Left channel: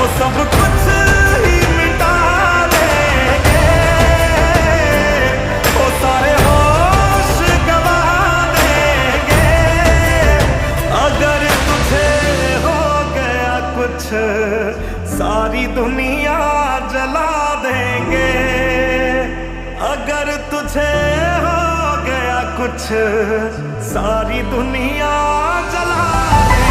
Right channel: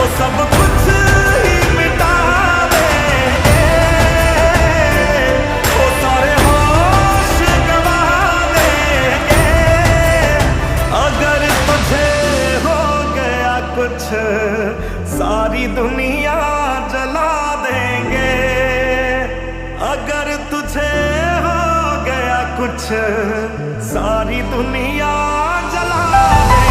वो सब कुछ ही मिटा देंगे, वो सारे होश गवा देंगे। अगर तुझे हो गया कुछ सारी दुनिया जला देंगे। अगर तुझे हो गया कुछ सारी दुनिया जला देंगे।